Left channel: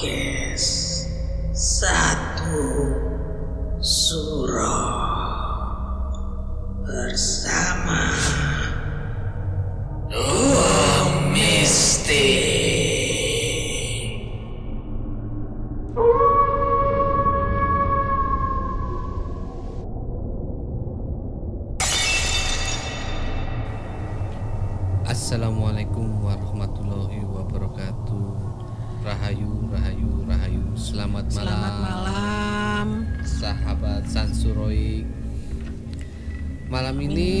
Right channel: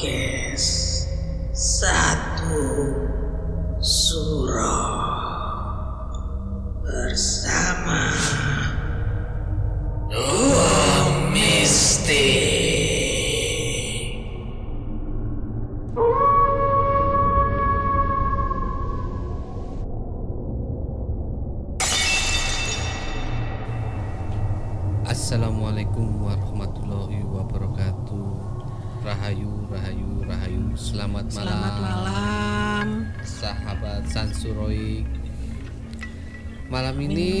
podcast Satu Suro bersama Dua Mistik. Assalamualaikum warahmatullahi wabarakatuh. Rahayu, rahayu, rahayu. Selamat malam sahabat Sansuroik. Malam ini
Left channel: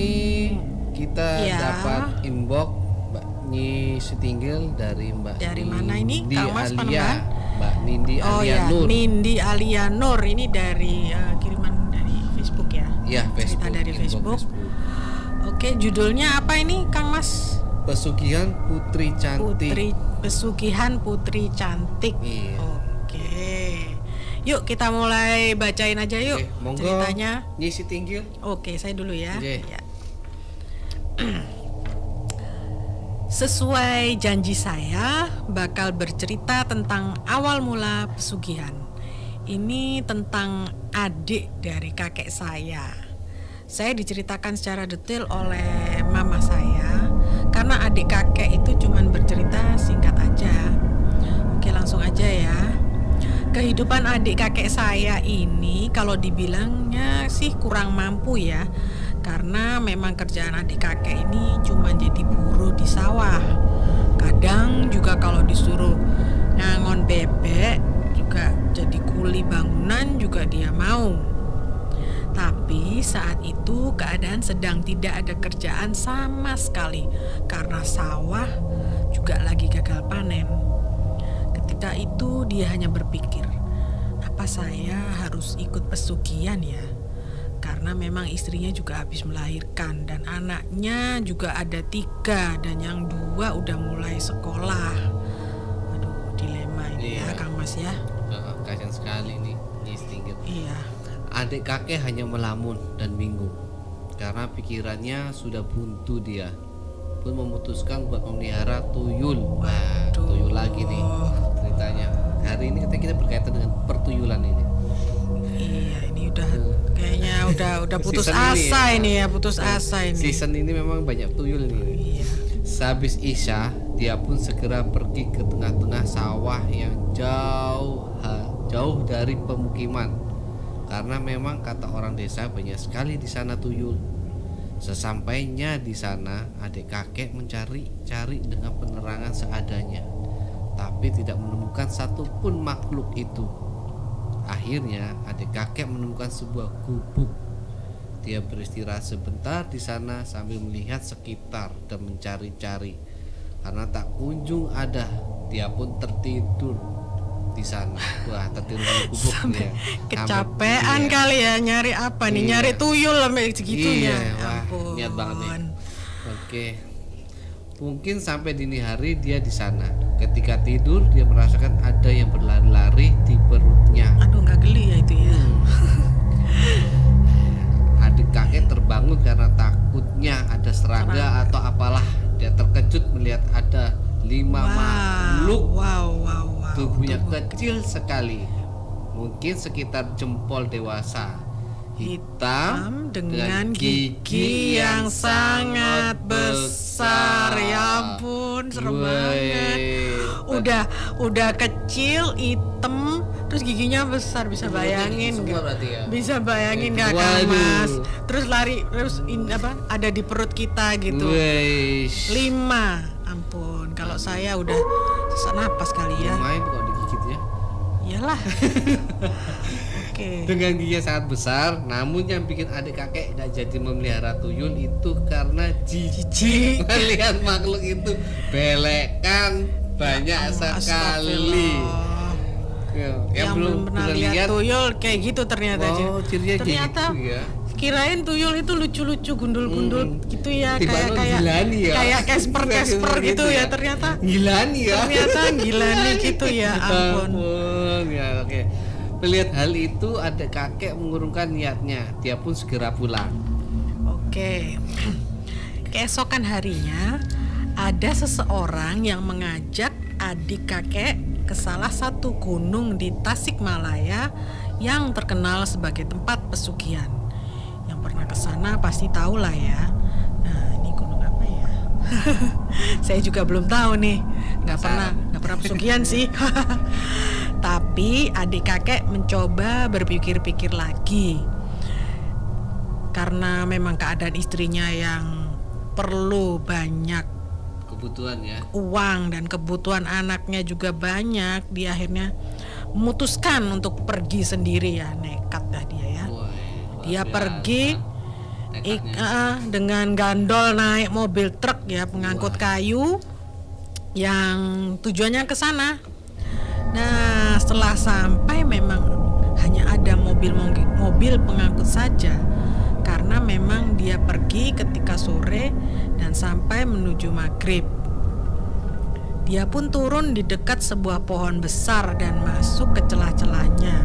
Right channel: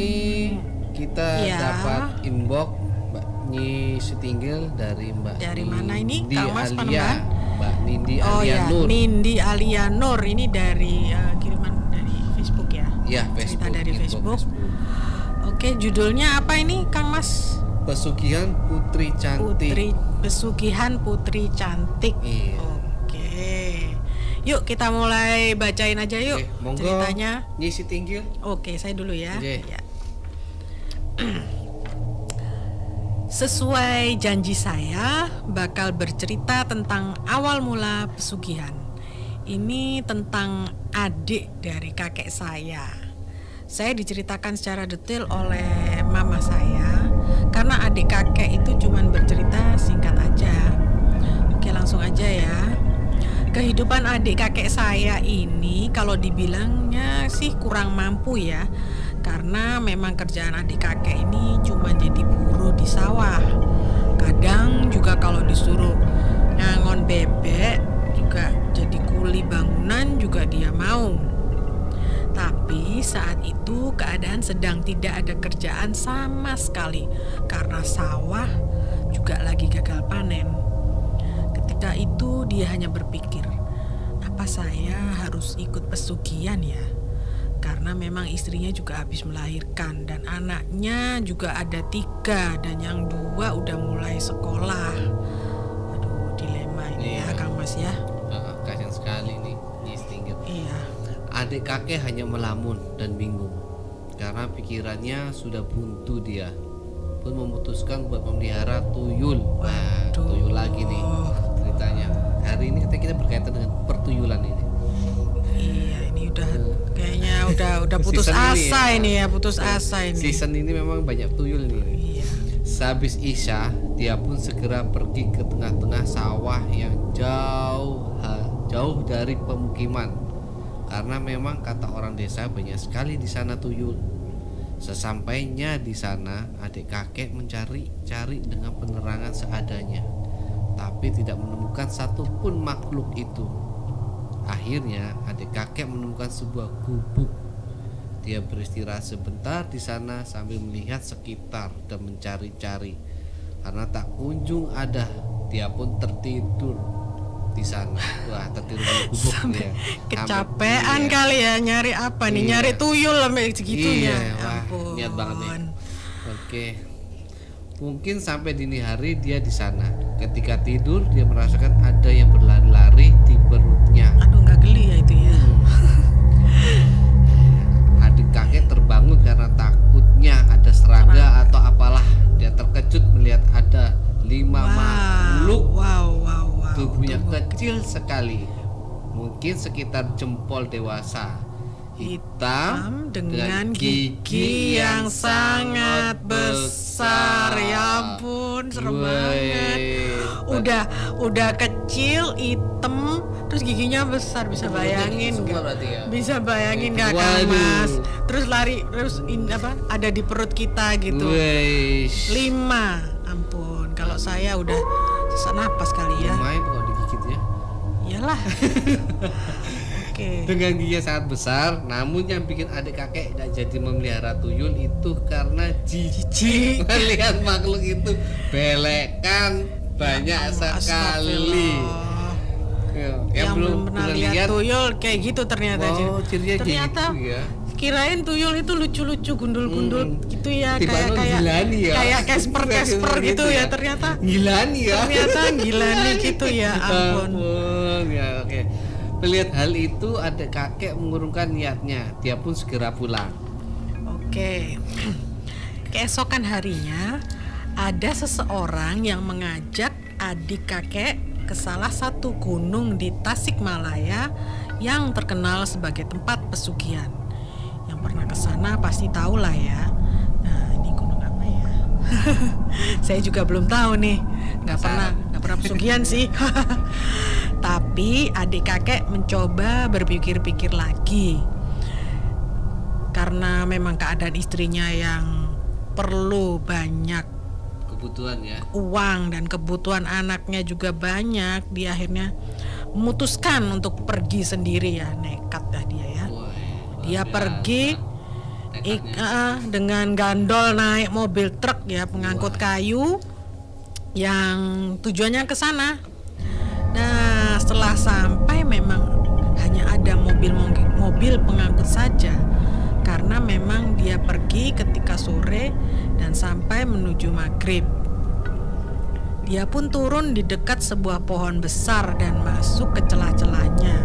kita dapat inbox Mbak Nyi Sitinggil dari Mbak dari mana ini? Nindi Kang Mas Alia, Mbak Nindi Oh Alia ya, Nur. Nindi Alia Nur ini dari kiriman dari Facebook ya? Ya, Facebook. Cerita dari Facebook. Oke, judulnya apa ini, Kang Mas? Pesugihan Putri Cantik. Pesugihan Putri Cantik. Iya. Oke. Yuk kita mulai bacain aja yuk. Oke, monggo, ceritanya. Nyi Sitinggil. Oke, saya dulu ya. Oke. Ya. Sesuai janji saya bakal bercerita tentang awal mula pesugihan. Ini tentang adik dari kakek saya. Saya diceritakan secara detail oleh mama saya karena adik kakek itu cuman bercerita singkat aja. Oke, langsung aja ya. Kehidupan adik kakek saya ini kalau dibilangnya sih kurang mampu ya. Karena memang kerjaan adik kakek ini cuma jadi buruh di sawah. Kadang juga kalau disuruh ngangon bebek juga jadi kuli bangunan juga dia mau. Tapi saat itu keadaan sedang tidak ada kerjaan sama sekali karena sawah juga lagi gagal panen. Ketika itu dia hanya berpikir, apa saya harus ikut pesugihan ya? Karena memang istrinya juga habis melahirkan dan anaknya juga ada 3 dan yang 2 udah mulai sekolah. Aduh, dilema ini ya Kang Mas ya. Kasian sekali nih Nyi Sitinggil. Iya. Adik kakek hanya melamun dan bingung karena pikirannya sudah buntu. Dia pun memutuskan buat memelihara tuyul. Wah, tuyul lagi nih ceritanya. Hari ini kita berkaitan dengan pertuyulan ini. Iya, ini udah kayaknya udah putus asa ini ya, putus asa ini. Season ini memang banyak tuyul ini. Iya. Sehabis Isya, dia pun segera pergi ke tengah-tengah sawah yang jauh dari pemukiman. Karena memang kata orang desa banyak sekali di sana tuyul. Sesampainya di sana, adik kakek mencari-cari dengan penerangan seadanya, tapi tidak menemukan satupun makhluk itu. Akhirnya adik kakek menemukan sebuah gubuk. Dia beristirahat sebentar di sana sambil melihat sekitar dan mencari-cari. Karena tak kunjung ada, dia pun tertidur di sana. Wah, tertidur di gubuk dia. Kecapean kali ya, nyari apa nih? Nyari tuyul sampai segitunya. Wah, niat banget nih. Oke. Mungkin sampai dini hari dia di sana. Ketika tidur dia merasakan ada yang berlari-lari di perutnya. Aduh, nggak geli ya itu ya. Adik kakek terbangun karena takutnya ada serangga atau apalah. Dia terkejut melihat ada 5 makhluk. Tubuhnya kecil sekali, mungkin sekitar jempol dewasa, hitam dengan gigi yang sangat besar. Ya ampun, serem banget. Udah kecil, hitam, terus giginya besar. Bisa bayangin nggak? Ya? Bisa bayangin nggak Kang Mas? Terus lari, terus ada di perut kita gitu. 5, ampun. Kalau saya udah sesak napas kali ya. Lumayan kalau digigit ya. Iyalah. Oke. Dengan gigi yang sangat besar, namun yang bikin adik kakek tidak jadi memelihara tuyul itu karena jijik melihat makhluk itu belekan banyak sekali. Yang belum pernah lihat tuyul kayak gitu ternyata. Ternyata gitu ya. Kirain tuyul itu lucu-lucu gundul-gundul gitu ya, kayak Casper gitu ya. Ternyata Gilani gitu ya. Ampun. Ya, oke. Melihat hal itu adik kakek mengurungkan niatnya. Dia pun segera pulang. Oke. Keesokan harinya ada seseorang yang mengajak adik kakek ke salah satu gunung di Tasikmalaya yang terkenal sebagai tempat pesugihan. Yang pernah ke sana pasti tahu lah ya. Nah, ini gunung apa ya? Saya juga belum tahu nih. Nggak pernah pesugihan sih. Tapi adik kakek mencoba berpikir-pikir lagi. Karena memang keadaan istrinya yang perlu banyak kebutuhan ya, uang, dan kebutuhan anaknya juga banyak, dia akhirnya memutuskan untuk pergi sendiri ya. Nekat dah dia ya. Dia pergi dengan gandol naik mobil truk ya, pengangkut kayu yang tujuannya ke sana. Nah, setelah sampai memang hanya ada mobil pengangkut saja, karena memang dia pergi ketika sore dan sampai menuju maghrib. Dia pun turun di dekat sebuah pohon besar dan masuk ke celah-celahnya.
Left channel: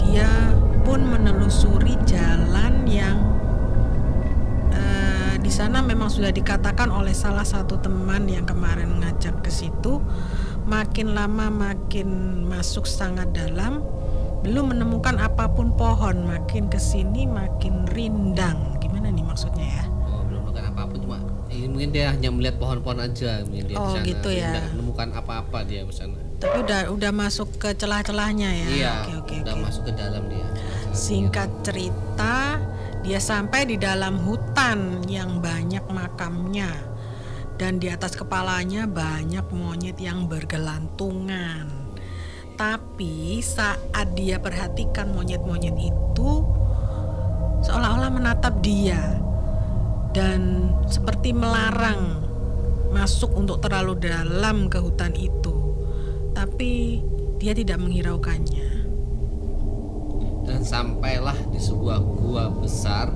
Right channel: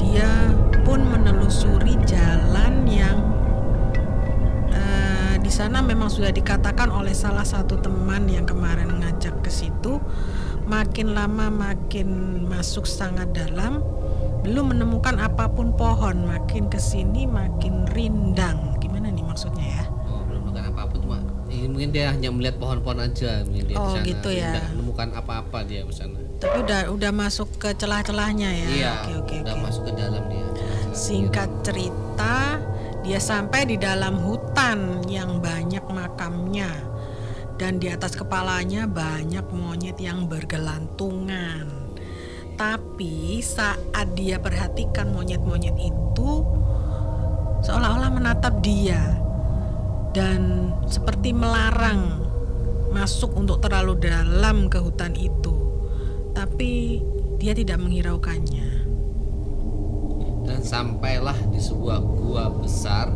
Dia pun menelusuri jalan yang di sana memang sudah dikatakan oleh salah satu teman yang kemarin ngajak ke situ. Makin lama makin masuk sangat dalam, belum menemukan apapun pohon. Makin kesini makin rindang. Gimana nih maksudnya ya? Oh, belum menemukan apapun, cuma mungkin dia hanya melihat pohon-pohon aja. Mungkin dia di sana gitu ya. Tidak menemukan apa-apa dia di sana. Tapi udah masuk ke celah-celahnya ya. Iya. Oke. Masuk ke dalam dia. Singkat cerita, dia sampai di dalam hutan yang banyak makamnya, dan di atas kepalanya banyak monyet yang bergelantungan. Tapi saat dia perhatikan monyet-monyet itu seolah-olah menatap dia dan seperti melarang masuk untuk terlalu dalam ke hutan itu. Tapi dia tidak menghiraukannya. Dan sampailah di sebuah gua besar.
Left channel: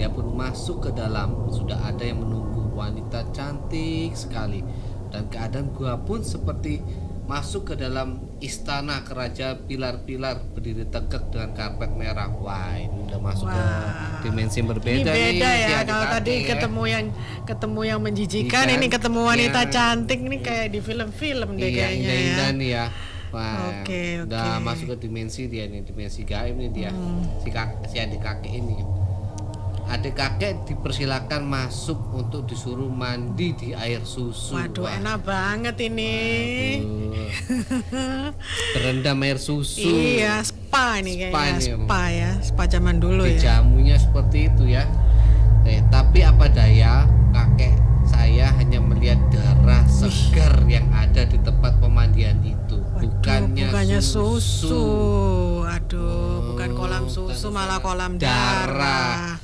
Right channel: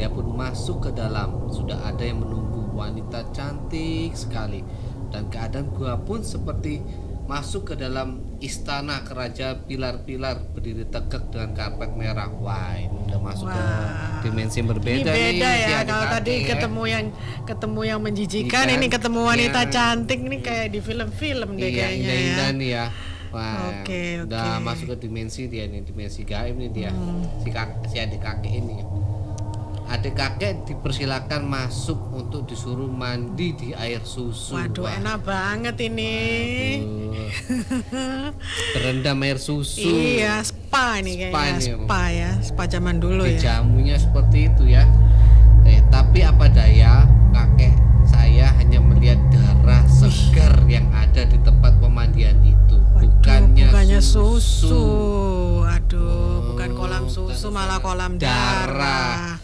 Dia pun masuk ke dalam. Sudah ada yang menunggu, wanita cantik sekali. Dan keadaan gua pun seperti masuk ke dalam istana kerajaan, pilar-pilar berdiri tegak dengan karpet merah. Wah, ini udah masuk ke dimensi yang berbeda. Ini beda nih, ya. Kalau tadi ketemu yang menjijikan, ini ketemu wanita cantik. Ini kayak di film-film deh kayaknya indah-indah ya. nih ya. Wah, Oke. udah masuk ke dimensi dia nih, dimensi gaib nih dia. Si adik kakek ini. Adik kakek dipersilakan masuk untuk disuruh mandi di air susu. Waduh, enak banget ini. Berendam air susu. Iya, spa ini kayaknya. Spa zaman dulu ya. Jamunya seperti itu ya. Tapi apa daya, kakek saya hanya melihat darah segar yang ada di tempat pemandian itu. Bukannya susu. Aduh, bukan kolam susu, malah kolam darah.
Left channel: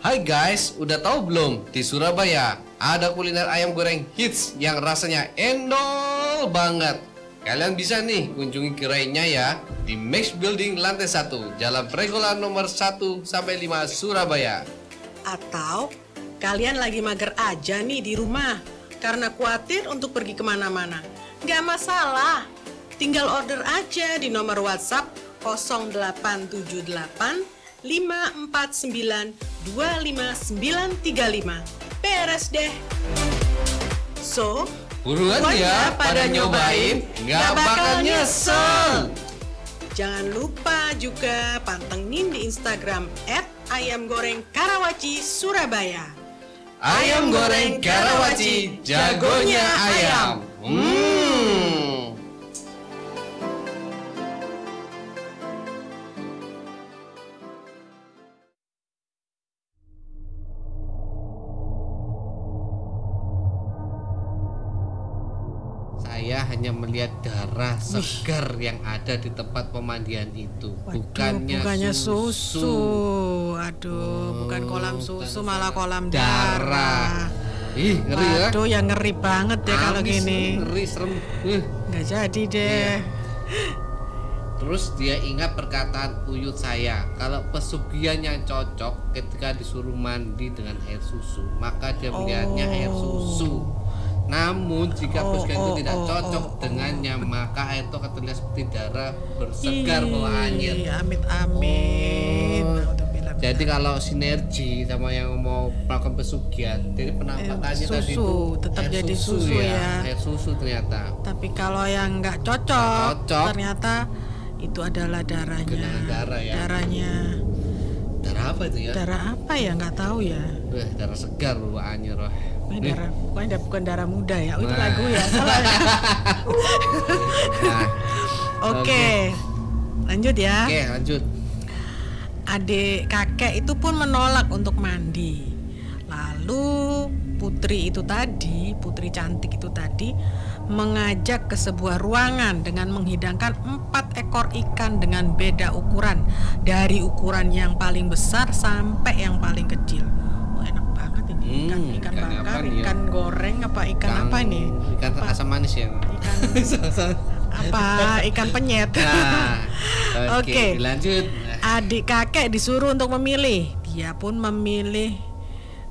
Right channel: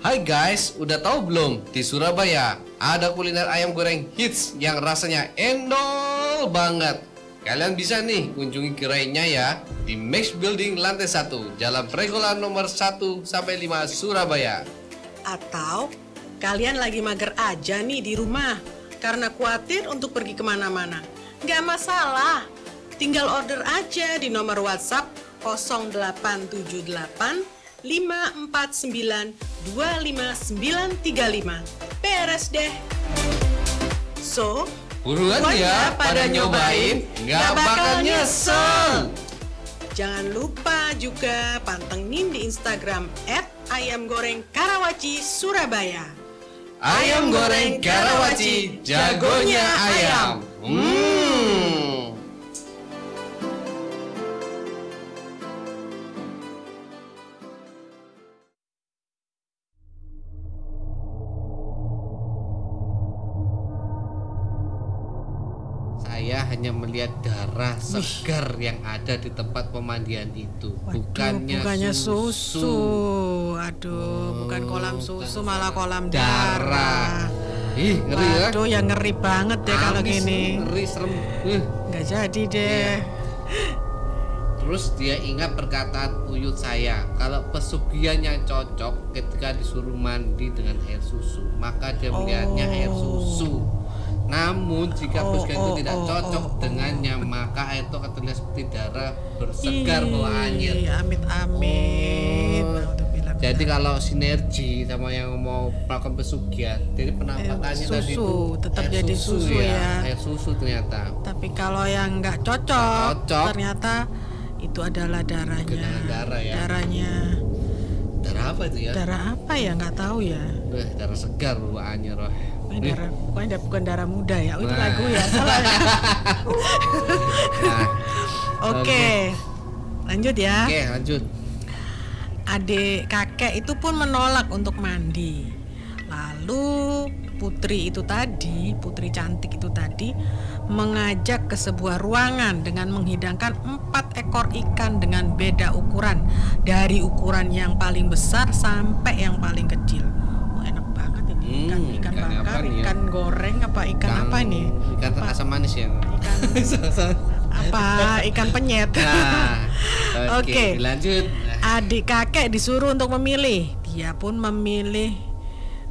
Hai guys, udah tahu belum? Di Surabaya ada kuliner ayam goreng hits yang rasanya endol banget. Kalian bisa nih kunjungi gerainya ya di Max Building lantai 1, Jalan Pregolan nomor 1-5 Surabaya. Atau kalian lagi mager aja nih di rumah karena khawatir untuk pergi kemana-mana. Nggak masalah, tinggal order aja di nomor WhatsApp 0878 549 25935. Beres deh. So, buruan ya pada nyobain, nggak bakal nyesel. Jangan lupa juga pantengin di Instagram @ayamgorengkarawaci Surabaya. Ayam goreng Karawaci, jagonya ayam. Saya hanya melihat darah segar yang ada di tempat pemandian itu. Bukannya susu. Aduh, bukan kolam susu, malah kolam darah. Ih, ngeri ya. Aduh, yang ngeri banget deh kalau gini. Ngeri, serem. Nggak jadi deh. Terus dia ingat perkataan uyut saya, kalau pesugihan yang cocok ketika disuruh mandi dengan air susu, maka dia melihatnya air susu. Namun jika pesugihan itu tidak cocok dengannya, maka air itu akan terlihat seperti darah bersegar bawaannya. Amit-amit. Nah, udah bilang Jadi kalau sinergi sama yang mau melakukan pesugihan, jadi penampakannya tadi itu tetap air jadi susu ya. Air susu ternyata. Tapi kalau yang nggak cocok, ternyata itu adalah darahnya. Genangan darah ya. Darahnya. Darah apa itu ya? Darah apa ya, nggak tahu ya. Darah segar bawaannya roh. Pokoknya bukan darah muda ya. Itu lagu ya. Salah. Nah, Oke. Lanjut ya. Oke, lanjut. Adik kakek itu pun menolak untuk mandi. Lalu putri cantik itu tadi mengajak ke sebuah ruangan dengan menghidangkan 4 ekor ikan dengan beda ukuran, dari ukuran yang paling besar sampai yang paling kecil. Oh, enak banget ini ikan bakar, ikan goreng apa ikan apa nih? Ikan asam manis ya. Ikan apa? Ikan penyet. Nah, Oke, lanjut. Adik kakek disuruh untuk memilih. Dia pun memilih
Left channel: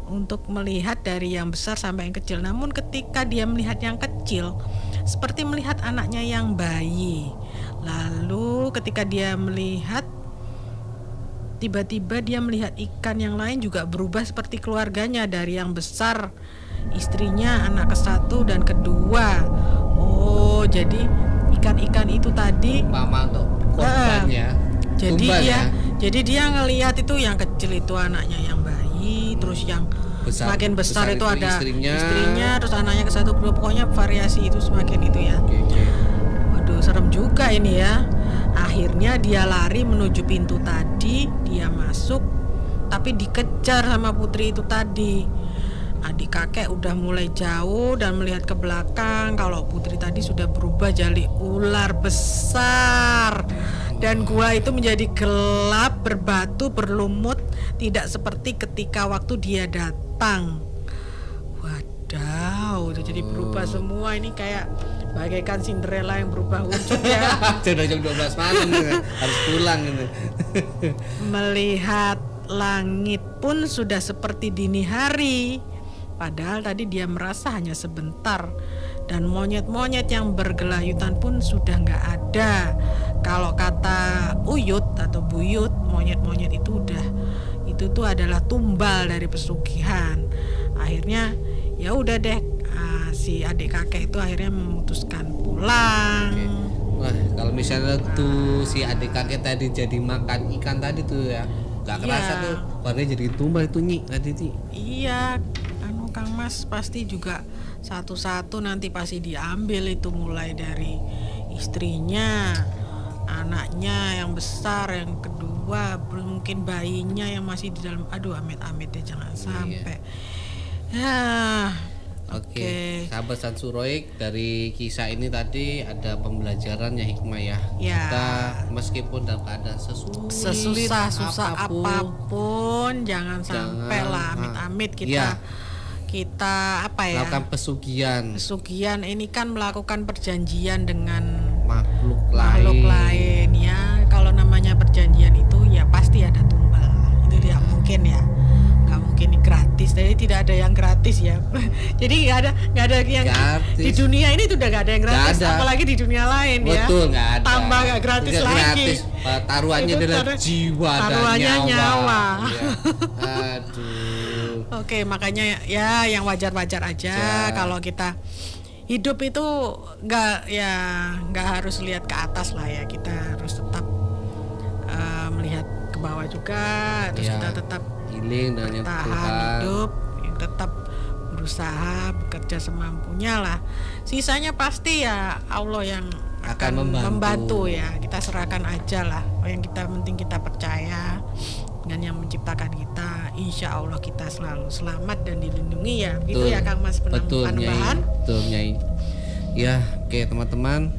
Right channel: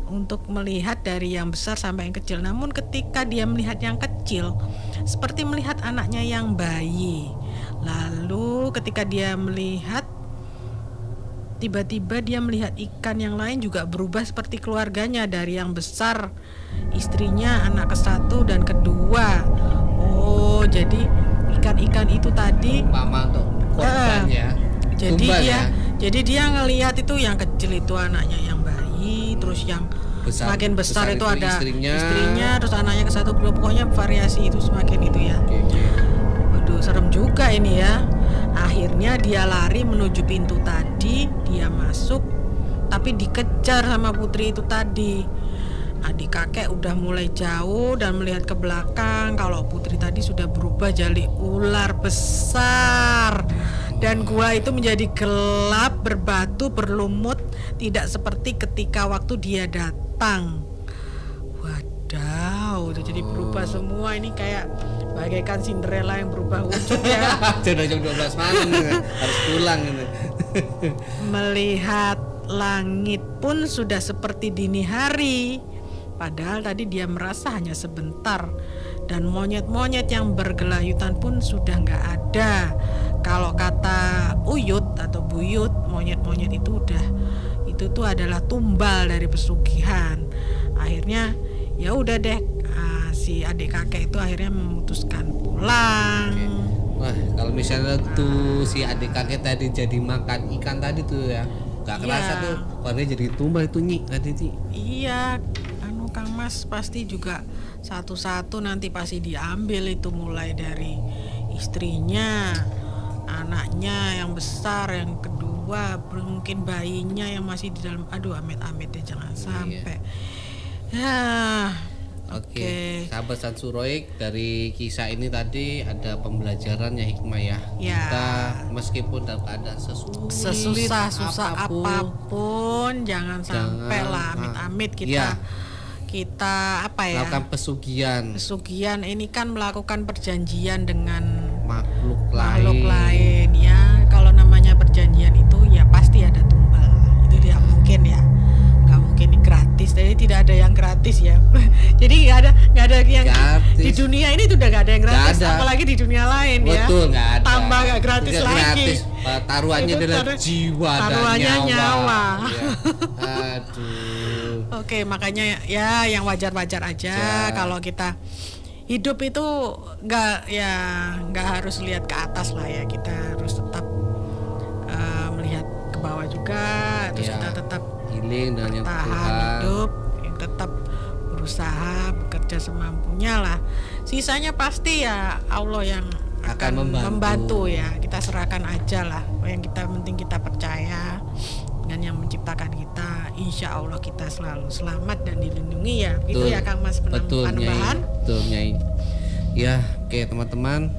untuk melihat dari yang besar sampai yang kecil. Namun ketika dia melihat yang kecil, seperti melihat anaknya yang bayi. Lalu ketika dia melihat, tiba-tiba dia melihat ikan yang lain juga berubah seperti keluarganya. Dari yang besar istrinya, anak ke-1 dan kedua. Oh, jadi ikan-ikan itu tadi umpama untuk korban ya. Jadi dia ngelihat itu yang kecil itu anaknya yang bayi, terus yang semakin besar itu ada istrinya, terus anaknya ke-1 kedua, pokoknya variasi itu semakin itu ya. Waduh, serem juga ini ya. Akhirnya dia lari menuju pintu tadi, dia masuk, tapi dikejar sama putri itu tadi. Adik kakek udah mulai jauh dan melihat ke belakang kalau putri tadi sudah berubah jadi ular besar. Dan gua itu menjadi gelap, berbatu, berlumut, tidak seperti ketika waktu dia datang. Wadaw, udah jadi berubah semua. Ini kayak bagaikan Cinderella yang berubah wujud ya. Sudah jam 12 malam harus pulang ini. Melihat langit pun sudah seperti dini hari. Padahal tadi dia merasa hanya sebentar. Dan monyet-monyet yang bergelayutan pun sudah nggak ada. Kalau kata Uyut atau Buyut, monyet-monyet itu tuh adalah tumbal dari pesugihan. Akhirnya ya udah deh, si adik kakek itu akhirnya memutuskan pulang. Wah, kalau misalnya tuh si adik kakek tadi jadi makan ikan tadi tuh ya, nggak kerasa tuh warnanya jadi tumbal itu tadi. Iya, Kang Mas pasti juga satu-satu nanti pasti diambil itu, mulai dari istrinya, anaknya yang besar, yang kedua mungkin bayinya yang masih di dalam. Aduh, amit-amit deh, jangan sampai. Oke. Sahabat Sansuroik, dari kisah ini tadi ada pembelajarannya, hikmah ya. Kita meskipun dalam keadaan susah apapun jangan sampai lah amit-amit kita apa ya, melakukan pesugihan ini kan melakukan perjanjian dengan makhluk lain ya. Kalau namanya perjanjian itu ya pasti ada tumbal, itu tidak mungkin ya, nggak mungkin gratis. Jadi tidak ada yang gratis ya. Jadi nggak ada yang gratis. Di dunia ini tuh udah nggak ada yang gratis, apalagi di dunia lain. Betul, ya tambah nggak gratis tidak lagi gratis. Taruhannya adalah jiwa dan nyawa. Ya. Aduh. Oke, makanya ya yang wajar-wajar aja. Kalau kita hidup itu nggak harus lihat ke atas lah ya. Kita harus tetap melihat ke bawah juga. Terus kita tetap healing dengan yang Tuhan, hidup, yang tetap berusaha, bekerja semampunya lah. Sisanya pasti ya Allah yang akan membantu ya. Kita serahkan aja lah. Yang penting kita percaya dengan yang menciptakan kita. Insya Allah kita selalu selamat dan dilindungi ya. Gitu ya Kang Mas, penambahan. Betul Nyai. Ya, oke teman-teman,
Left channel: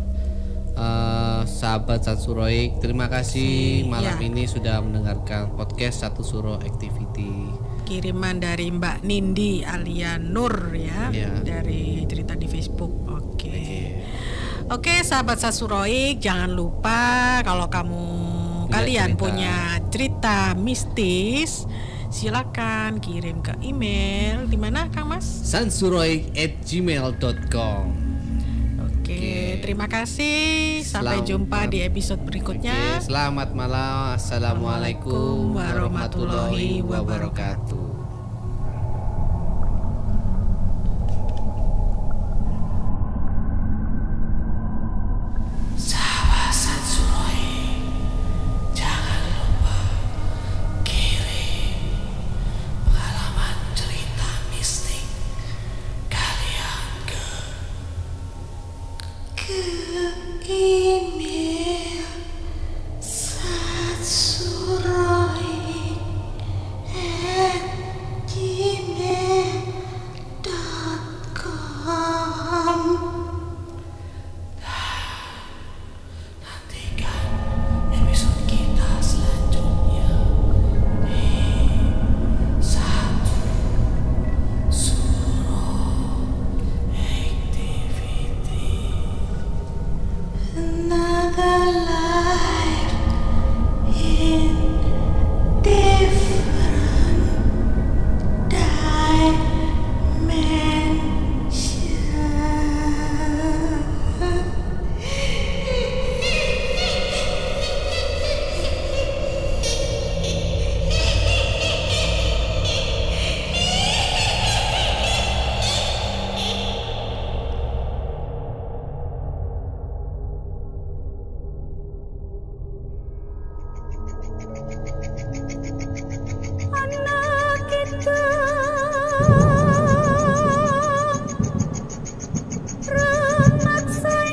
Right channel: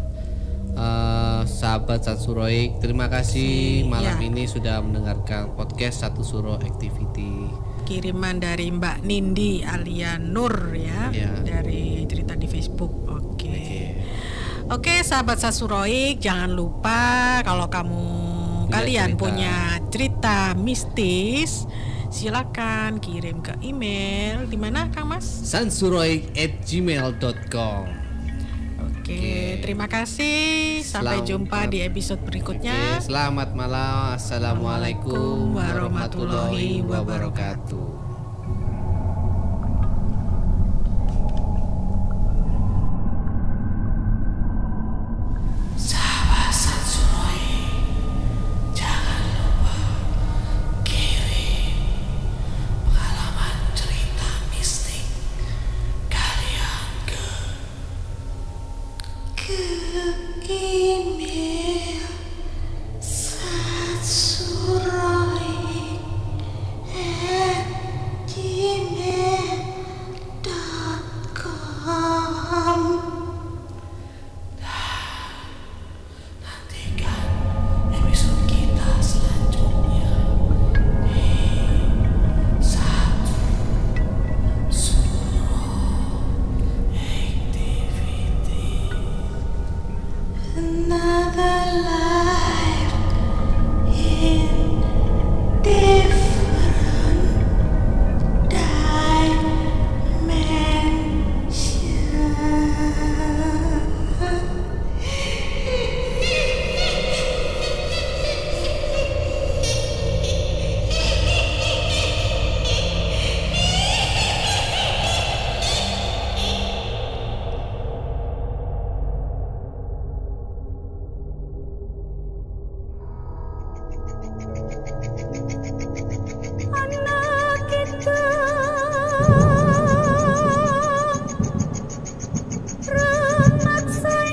sahabat Sansuroik, terima kasih malam ini sudah mendengarkan podcast Satu Suro Activity. Kiriman dari Mbak Nindi Alia Nur ya. Dari cerita di Facebook. Oke, sahabat Sansuroik, jangan lupa kalau kalian punya cerita mistis, silakan kirim ke email di mana Kang Mas? sansuroik@gmail.com. Oke, terima kasih. Sampai jumpa di episode berikutnya. Oke, selamat malam. Assalamualaikum warahmatullahi wabarakatuh.